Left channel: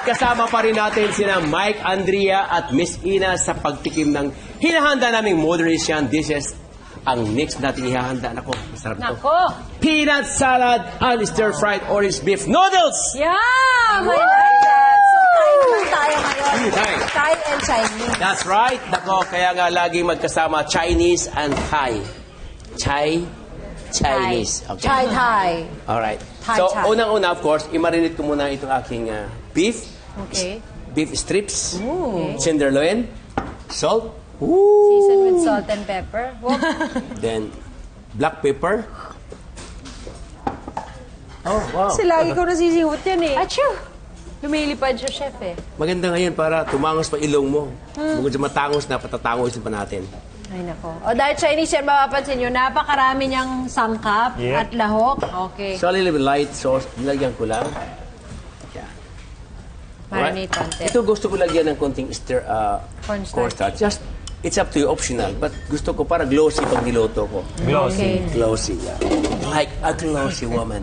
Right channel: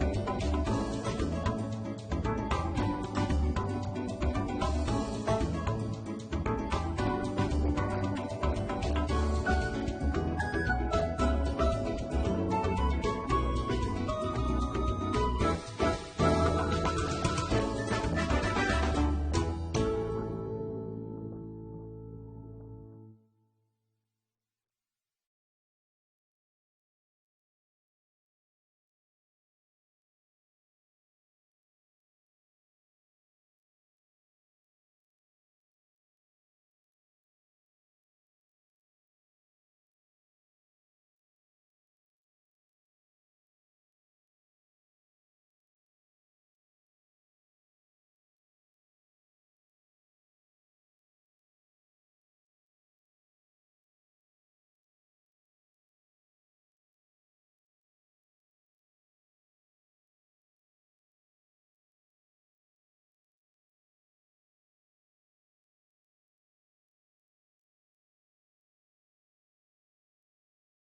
At kasama pa rin natin sina Mike, Andrea at Miss Ina sa pagtikim ng hinahanda naming Modernician dishes. Ang next natin ihahanda, nako, sarap ito. Ako. Peanut salad and stir-fried orange beef noodles! Yeah! My God! So, tayo ngayon. Thai. Thai and Chinese. That's right. Nako, kaya nga laging magkasama Chinese and Thai. Chinese. Okay. Chai Thai. Alright. Thai, So, Thai. unang-una, of course, i-marinate ko muna itong aking beef. Okay. Beef strips. Ooh. Tenderloin. Salt. Seasoned with salt and pepper. Whoop. Then, black pepper. Oh, wow. Kasi lagi ko nasisiwot yan eh. Achoo! Lumilipad siya, chef eh. Maganda ngayon para tumangos pa ilong mo. Bukod sa matangos na, patatangos pa natin. Ay, nako. O dahil Chinese yan, mapapansin nyo, napakarami niyang sangkap Yeah. at lahok. Okay. So, a little bit light sauce. Nilagyan ko lang. Yan. Marinate konti. Ito gusto ko lagyan ng konting Cornstarch. cornstarch. Just, it's up to you, optional. But gusto ko para glossy pag niloto ko. Glossy. Okay. Glossy, yeah. Like a glossy woman.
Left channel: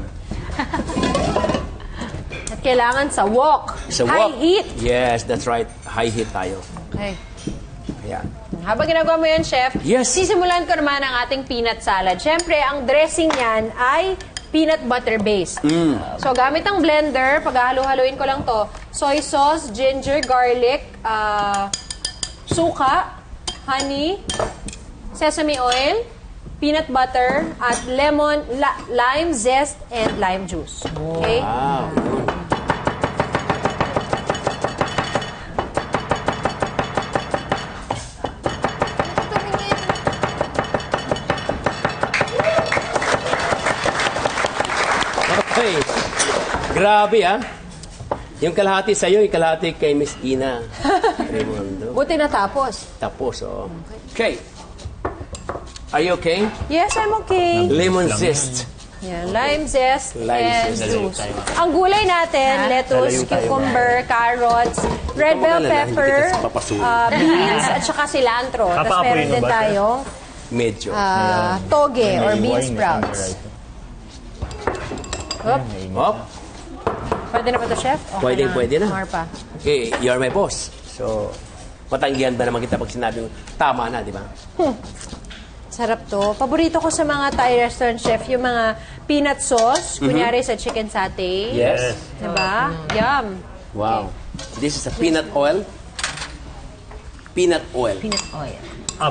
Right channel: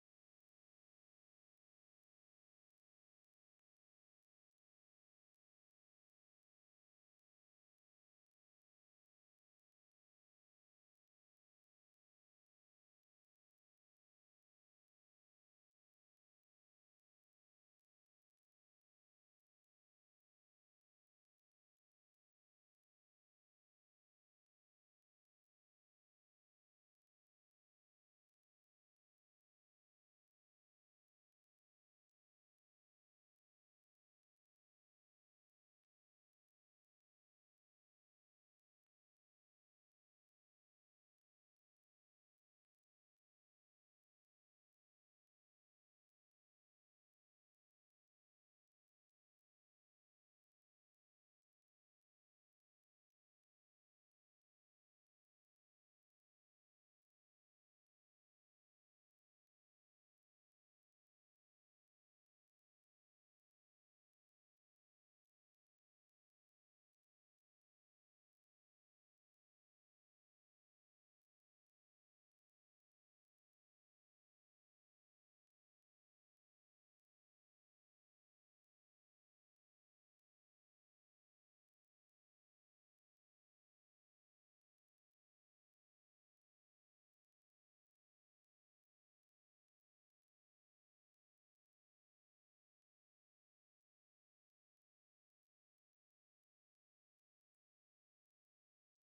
At kailangan sa wok. Sa High wok. heat. Yes, that's right. High heat tayo. Okay. Ayan. Habang ginagawa mo yun, chef, Yes. sisimulan ko naman ang ating peanut salad. Siyempre, ang dressing niyan ay peanut butter based. So, gamit ang blender, paghahalo-haloin ko lang to, soy sauce, ginger, garlic, suka, honey, sesame oil, peanut butter, at lemon, lime zest, and lime juice. Okay? Wow. Okay. Grabe, ah. Yung kalahati sa'yo, yung kalahati kay Miss Ina. Raimondo. Buti natapos. Tapos, oh. Okay. Are you okay? Yes, I'm okay. Lemon zest. Yan, lime zest Lime and zest. juice. Ang gulay natin, lettuce, cucumber, carrots, red bell pepper, beans, at saka cilantro. Tapos Papaapoy meron mo din ba, sir? tayong Medyo. toge or bean sprouts. Oop. Op. Pwede na ba ito, chef? Okay Pwede, pwede na. More pa. Okay, you're my boss. So, matanggihan ba naman kita pag sinabi mo, tama na, di ba? Sarap to. Paborito ko sa mga Thai restaurant, chef, yung mga peanut sauce, kunyari sa chicken satay. Yes. Diba? Yum. Wow. This is a peanut oil. Peanut oil. Peanut oil.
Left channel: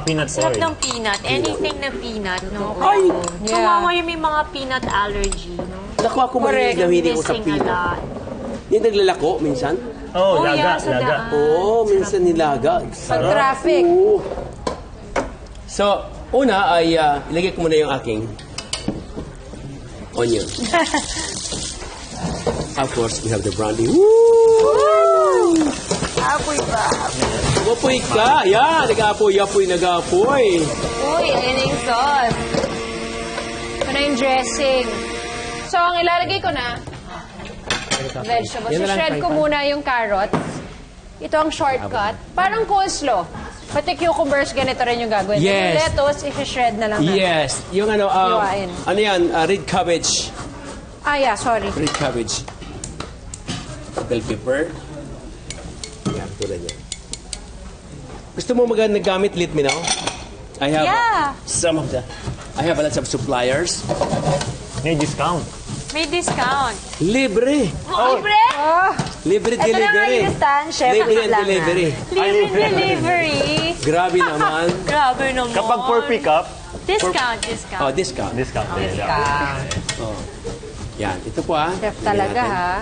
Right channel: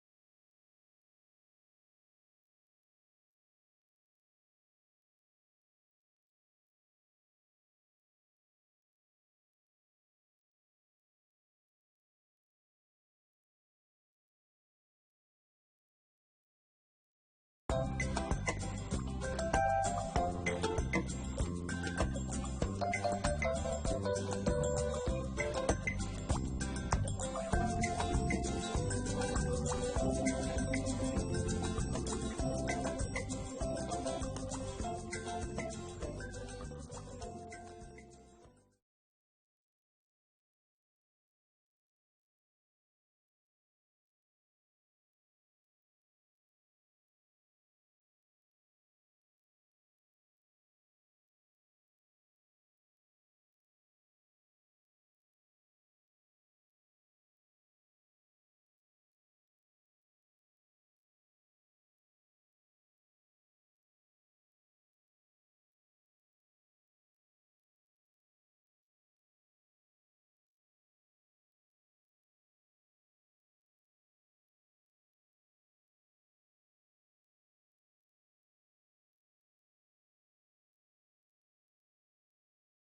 Peanut Sarap oil. ng peanut. Anything na peanut, no? Ay! Tumawa yung may mga peanut allergy, no? Naku, ako mahilig na hilig ko sa Missing a peanut. lot. Yung naglalako, minsan. Oh, Oh, laga, yeah, sa laga. daan. Oo, minsan nilaga. Pag traffic. Oo. So, una ay ilagay ko muna yung aking onion. Of course, we have the brandy. Woo! Apoy ba? Wapoy ka! Yan! Nag-apoy, nag-apoy. Uy, ayun yung sauce. Ito na yung dressing. So, ang ilalagay ko na, vegetables. Yan na lang, Shred ko fry pan. muna yung carrots. Ito ang shortcut. Parang coleslaw. Pati cucumbers, ganito rin yung gagawin. Yes. Yung lettuce, i-shred na lang natin. Yes. Yung ano, Hiwain. ano yan? Red cabbage. Ah, yeah, sorry. Red cabbage. Bell pepper. Yan, tulad yan. Gusto mo nagamit lit me now? I have Yeah. some of the... I have a lot of suppliers. May discount. May discount. Libre. Libre? Libre Ito na nga delivery. yung stand, chef. Libre Ang and lang, delivery. Libre delivery. Grabe naman. Grabe naman. Kapag for pick up, Discount, Oh, discount. discount. discount. Oh. Yan, ito po ah. Chef talaga, ha?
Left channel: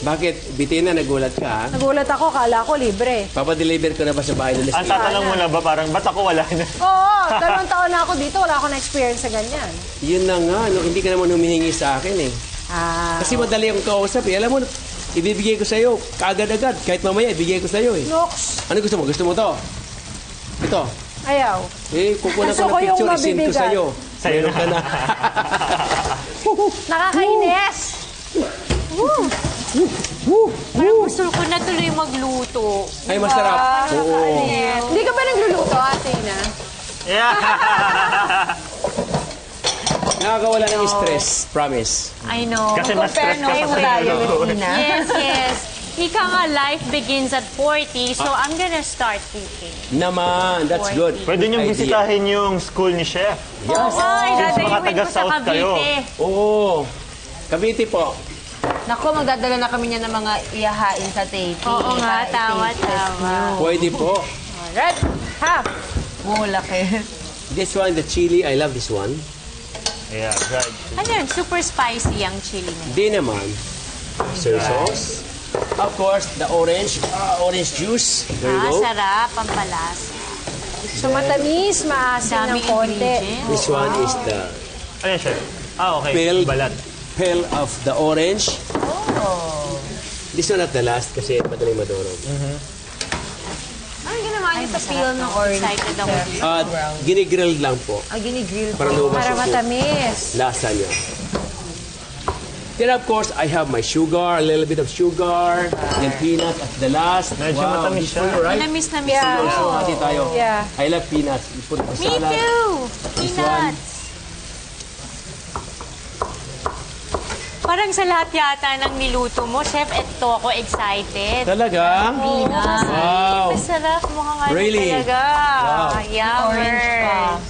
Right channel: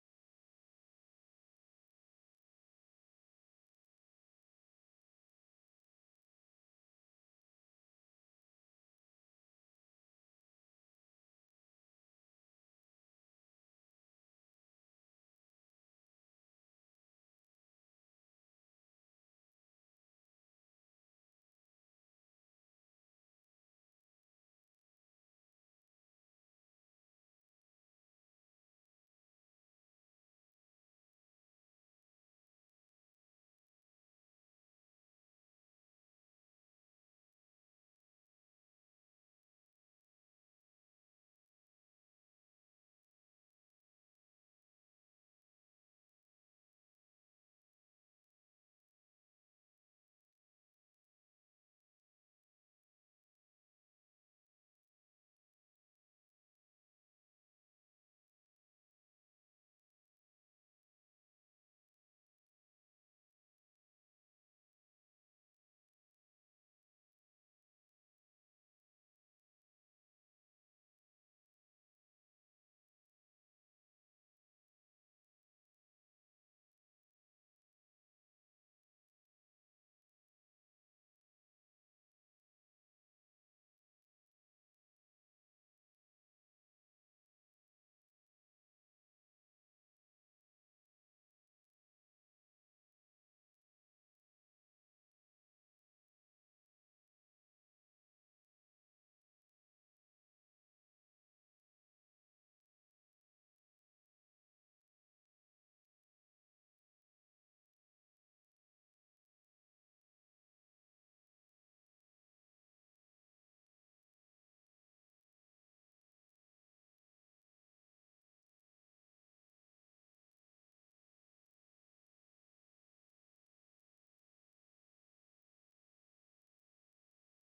Bakit? Bitina, nagulat ka ha? Nagulat ako, kala ko libre. Papadeliver ko na ba sa bahay ng Ang Leslie? tatanong mo na ba, parang, ba't ako wala na? Oo, 2 taon na ako dito. Wala akong na-experience sa ganyan. Yun na nga, no, hindi ka naman humihingi sa akin eh. Ah, Kasi madali akong kausap eh. Alam mo, ibibigay ko sa'yo, kaagad-agad. Kahit mamaya, ibigay ko sa'yo eh. Nox. Ano gusto mo? Gusto mo to? Ito. Ayaw. Eh, kukunan Gusto ko ko ng yung picture, isend ko mabibigat. sa'yo. Sa'yo Meron ka na. Nakakainis. Parang gusto ko na tuloy magluto. Ay, masarap. Oo. Hindi ka ba nagluluto, ate na? Yeah. Nakakawala ng stress. Promise. I know. Kasi mas stress ka Compare pa mo tayo sa with Ina. Yes, yes. Ika nga, life begins at 40, so I'm gonna start cooking. Naman, that's good. Pwede niyong Idea. bisitahin yung school ni Chef. Yes. Ay, Since mga dadayuin ko sa taga-South kayo. Cavite. Oo. Cavite po. Naku, magdadala na kami niya ng mga iyahain sa taping. Oo nga, tama. Pwede po. Red, half. Mulaki. This one, the chili, I love this one. Yeah, right. Ano yun? Super spicy ang chili niya. Di naman. Soy sauce. Of course, the orange juice. There you go. Sarap, pampalas. So matamis, maasim ng Daming konti. ingredients. This one is the Ayan, Chef. Okay. Peel. Balat. peel of the orange. This one at the last kasi madaling madurog. Ano ginawa niyo sa peel ng orange? Excited ako dito. At ginigrill lang po Ginigrill para lumabas Para yung matamis. lasa niya. Then of course, I have my sugar, a little bit of sugar, then peanut at the last. Medyo matamis this for siya. you, right? Namis-namis Yeah. ako. So, hati tayo. Yeah. I love peanuts. You put it Me sa salad. too! This one. Peanuts. Parang sa lahat yata ng niluto mo, Chef, eto ako excited. Talaga? Peanuts. Wow. Masarap. Mukhang ano Really? talaga. Wow. Yummers.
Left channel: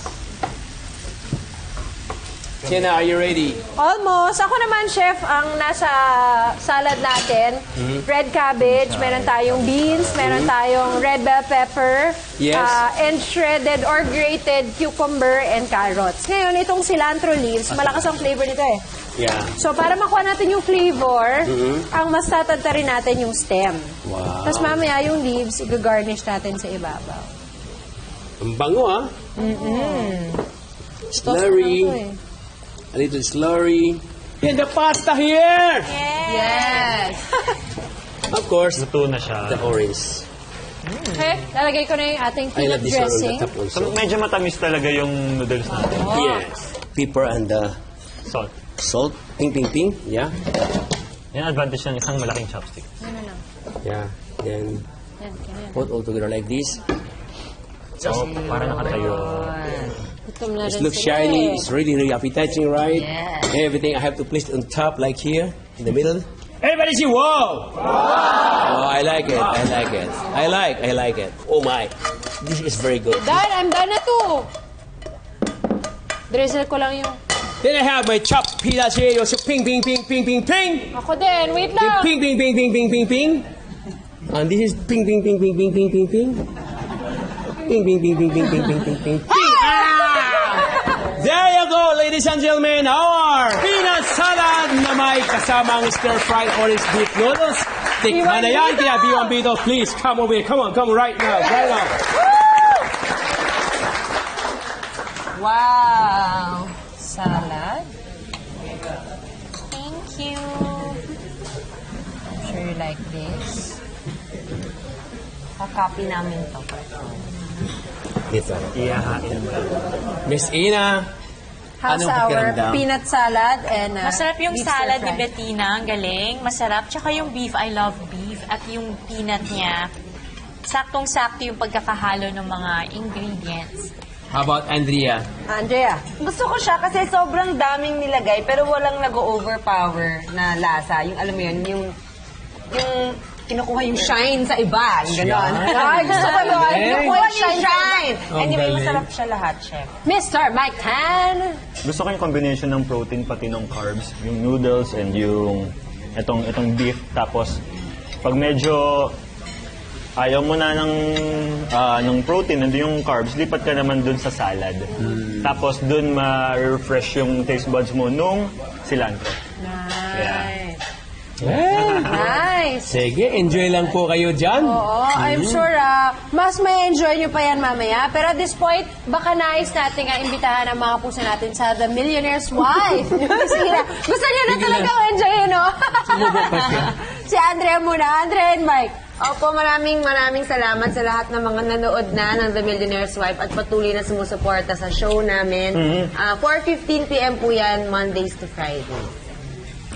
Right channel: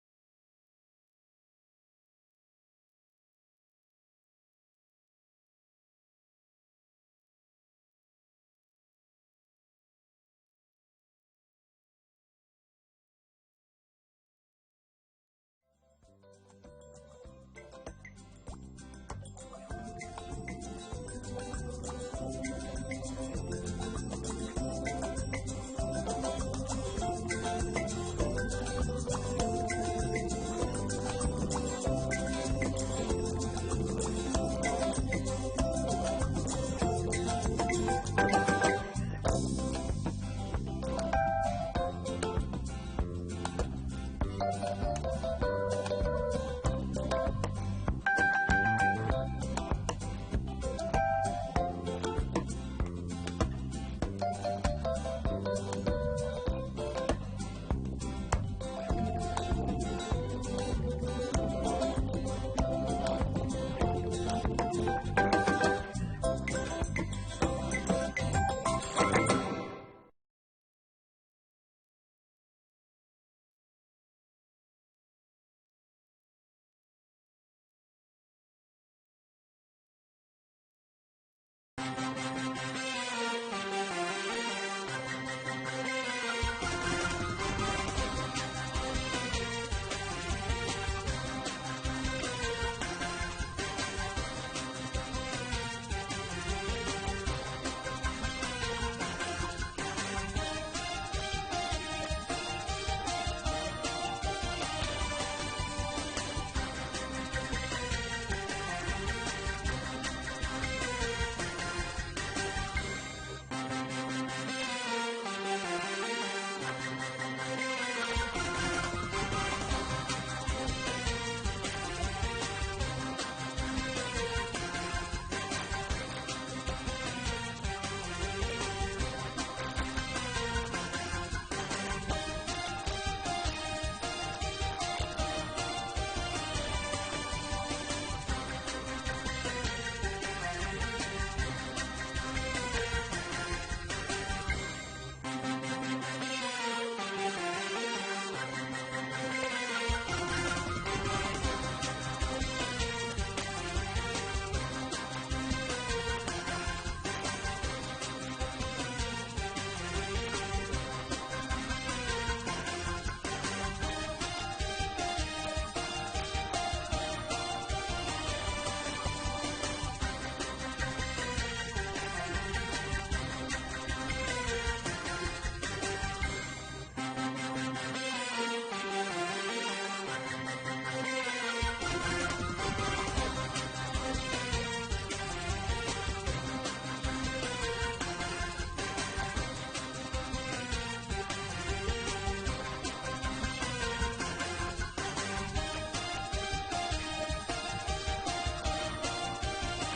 Tina, are you ready? Almost. Ako naman, chef, ang nasa salad natin, red cabbage, meron tayong beans, meron tayong red bell pepper, Yes. and shredded or grated cucumber and carrots. Ngayon, itong cilantro leaves, malakas ang flavor nito eh. Yeah. So, para makuha natin yung flavor, ang mas tatadta rin natin yung stem. Wow. Tapos mamaya yung leaves, i-garnish natin sa ibabaw. Ang bango, ha? Slurry. Toast na to eh. A little slurry. And the pasta here! Yes! Of course, Luto na siya. the orange. Okay, lalagay ko na yung ating I love peanut this one on dressing. the top also. So, medyo matamis talaga yung noodles natin. Yes. Pepper and the Salt. salt. Ping, ping, ping. Yeah. Yan advantage ng isang malaking chopstick. Yeah. Then, put all together like this. So, para nakatayo. Gutom na It rin looks sila shiny. eh. It's really, really appetizing, right? Everything I have to place on top, like here, in the middle. Everybody see, whoa! Oh, I like it. I like it. I like it. Oh my. This is very good. Done, I'm done na to. Drizzle ko lang yung... Then I have my chopped peanuts here. You see, ping, ping, ping, ping, ping, ping. Ako din, wait lang. Ping, ping, ping, ping, ping, ping, ping. And this is ping, ping, ping, ping, ping, ping, ping, ping. Ping, ping, ping, ping, ping, ping, ping, ping, ping. There you go, ladies and gentlemen, our peanut salad na may kasamang stir-fried orange beef noodles. Tikman na yan, kaya B1 Bito, please come over here. Come on, right now, right now. Wow! Salad. Thank you. I'm sure you like this. Kakopy namin ito. Ito. Iyahain mo. Miss Ina, How's anong our pakiramdam? peanut salad and Masarap yung beef salad ni stir-fry? Bettina. Ang galing. Masarap. Tsaka yung beef, I love beef. At yung peanut niya, saktong-sakto yung pagkakahalo ng mga ingredients. How about Andrea? Andrea. Gusto ko siya kasi sobrang daming nilagay pero walang nag-overpower na lasa. Yung alam mo yun, yung kinukuha yung shine sa iba. Yung gano'n. Ay, gusto ko yun. Eh. Kinukuha yung shine. Ang Anyway, galing. masarap siya lahat, chef. Mr. Mike Tan. Gusto ko yung combination ng protein pati ng carbs. Yung noodles and yung itong beef. Tapos, pag medyo ayaw mo na ng protein and yung carbs, lipat ka naman dun sa salad. Tapos dun ma-refresh yung taste buds mo nung cilantro. Yeah. Nice. Sige, enjoy lang po kayo dyan. Oo, I'm sure mas may enjoy nyo pa yan mamaya. Pero at this point, baka nais natin nga imbitahan ang mga puso natin sa The Millionaire's Wife. Gusto nyo na talaga enjoy yun, no? Si Andrea muna. Andrea and Mike. Opo, maraming salamat sa lahat ng mga nanood na ng The Millionaire's Wife at patuloy na sumusuporta sa show namin. 4:15 p.m. po yan, Mondays to Friday.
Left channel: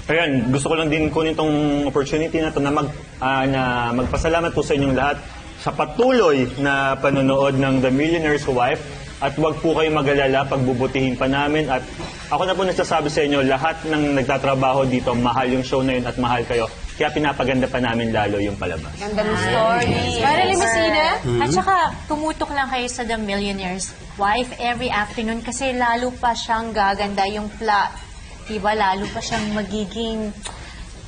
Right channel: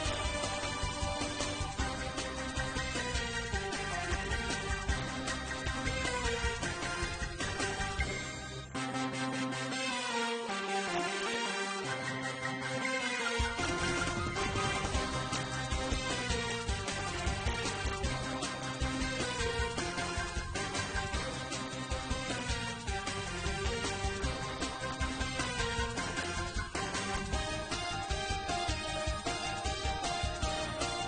Ayan, gusto ko lang din kunin itong opportunity na ito na magpasalamat po sa inyong lahat sa patuloy na panonood ng The Millionaire's Wife. At wag po kayong mag-alala, pagbubutihin pa namin. At ako na po nagsasabi sa inyo, lahat ng nagtatrabaho dito, mahal yung show na yun at mahal kayo. Kaya pinapaganda pa namin lalo yung palabas. Ganda ng story. Marilyn Messina? At saka, tumutok lang kayo sa The Millionaire's Wife every afternoon kasi lalo pa siyang gaganda yung plot. Diba? Lalo pa siyang magiging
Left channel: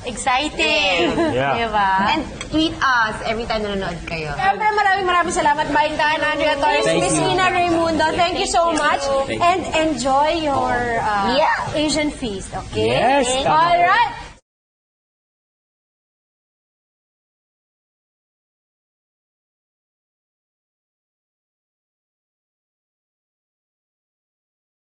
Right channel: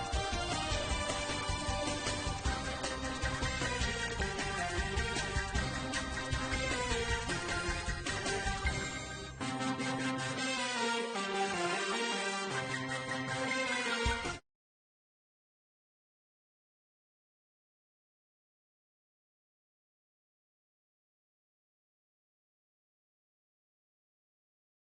exciting. Yeah. Diba? And tweet us every time nanonood kayo. Siyempre, maraming salamat, Baintan, Andrea Torres, Thank you. Messina, Raimundo. Thank you so much. Thank you. And enjoy your Asian feast, okay? Yes. All right.